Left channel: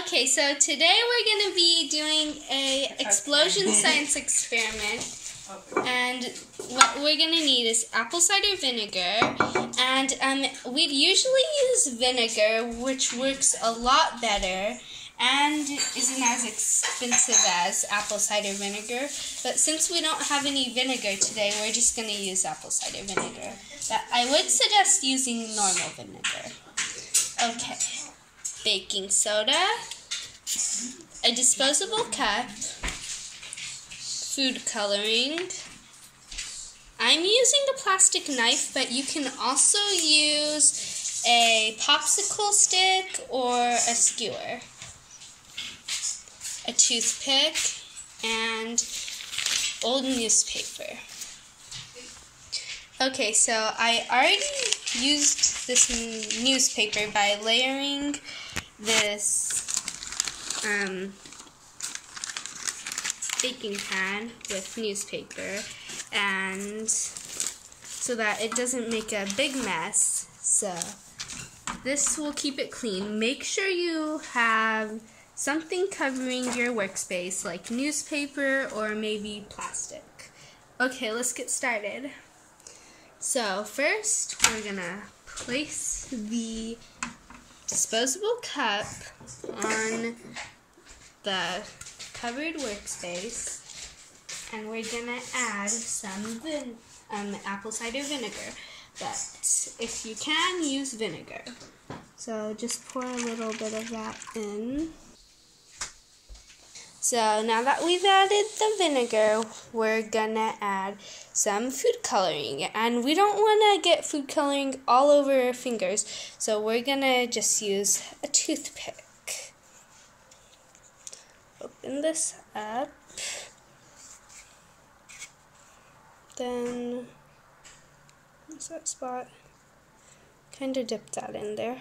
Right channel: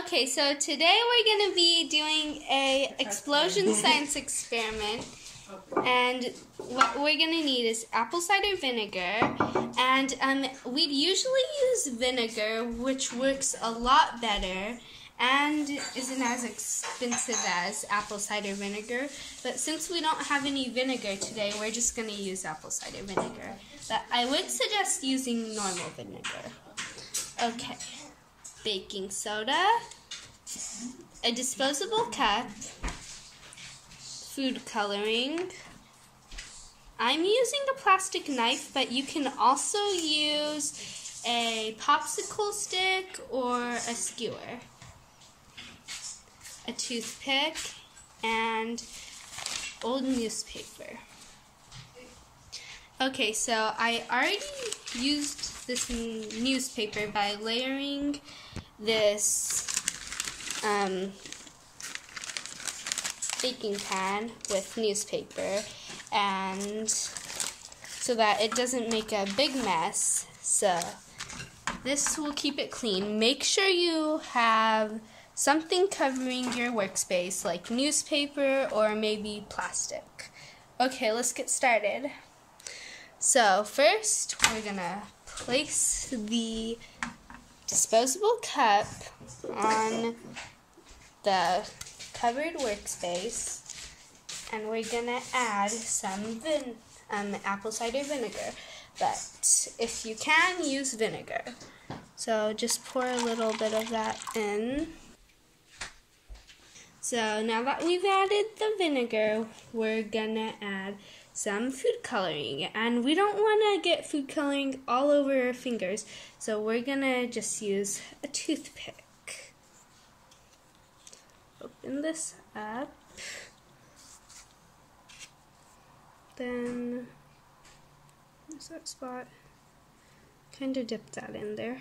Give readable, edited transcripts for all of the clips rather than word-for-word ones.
Okay, so today we're going to be doing a explosion science experiment, and what we're going to need is apple cider vinegar, and we'd usually use vinegar, which works a lot better and isn't as expensive as apple cider vinegar, but since we don't have any vinegar today, we're just going to use apple cider vinegar. But I would suggest using normal vinegar. Okay. Baking soda, a disposable cup, food coloring. I'm using a plastic knife, but you can also use a popsicle stick or a skewer, a toothpick, and old newspaper. Okay, so I already used this newspaper by layering this baking pan with newspaper, and so that it doesn't make a big mess. So this will keep it clean. Make sure you have something covering your workspace, like newspaper or maybe plastic. Okay, let's get started. So first, we're gonna place the disposable cup on the covered workspace, and we're gonna add some apple cider vinegar. But if you can, use vinegar. So just pour a little bit of that in. So now that we've added the vinegar, we're gonna add some food coloring, and we don't want to get food coloring all over our fingers, so we're gonna just use a toothpick. Open this up, then what's that spot? Kind of dip that in there.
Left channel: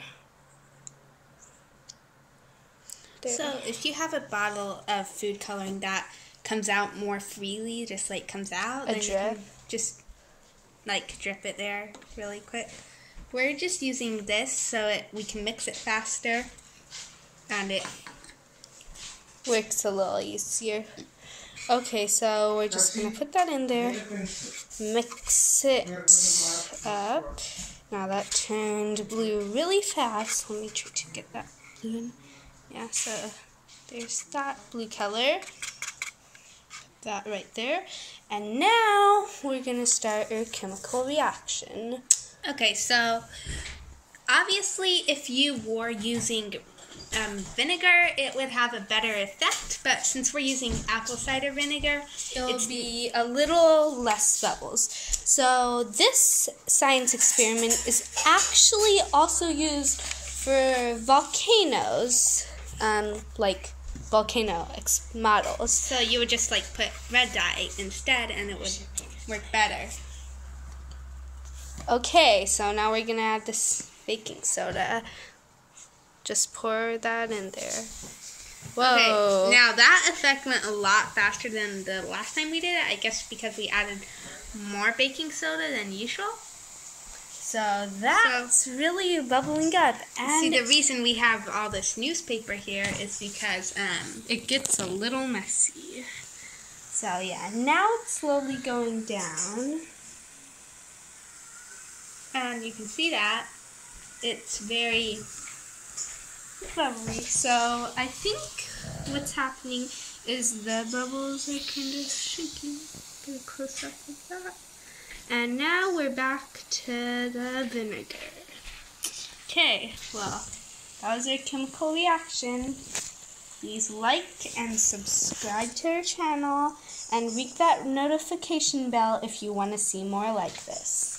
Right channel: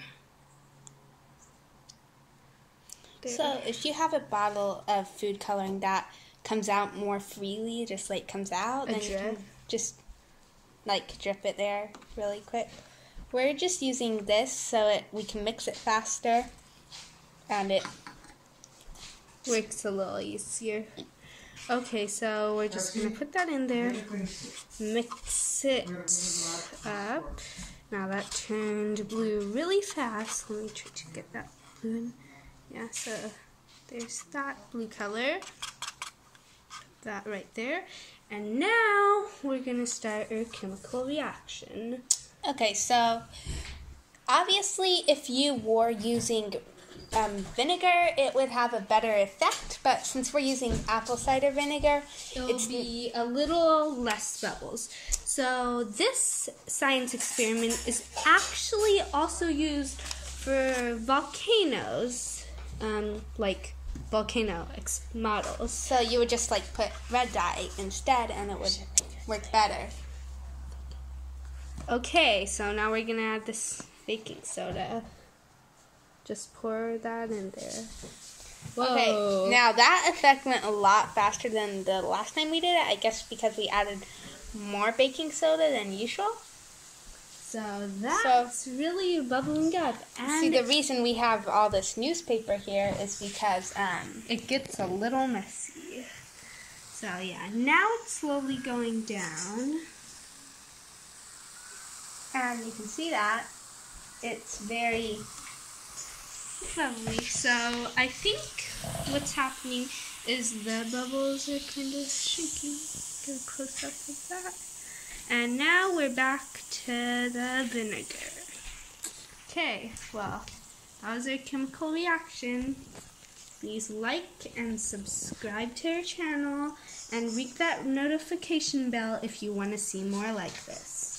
So if you have a bottle of food coloring that comes out more freely, just like comes out, then you can just like drip it there really quick. We're just using this so we can mix it faster, and it works a little easier. Okay, so we're just going to put that in there, mix it up. Now that turned blue really fast. Let me try to get that blue in. Yeah, so there's that blue color. Put that right there. And now we're going to start our chemical reaction. Okay, so obviously if you were using vinegar, it would have a better effect, but since we're using apple cider vinegar, it'll be a little less bubbles. So this science experiment is actually also used for volcanoes, like volcano models. So you would just like put red dye instead, and it would work better. Okay, so now we're gonna add this baking soda. Just pour that in there. Whoa. Okay, now that effect went a lot faster than the last time we did it, I guess because we added more baking soda than usual. So that's really bubbling up. And see, the reason we have all this newspaper here is because it gets a little messy. So yeah, now it's slowly going down. And you can see that it's very bubbly. So I think what's happening is the bubbles are kind of shrinking. Get a close up of that. And now we're back to the vinegar. Okay, well, that was our chemical reaction. Please like and subscribe to our channel and ring that notification bell if you want to see more like this.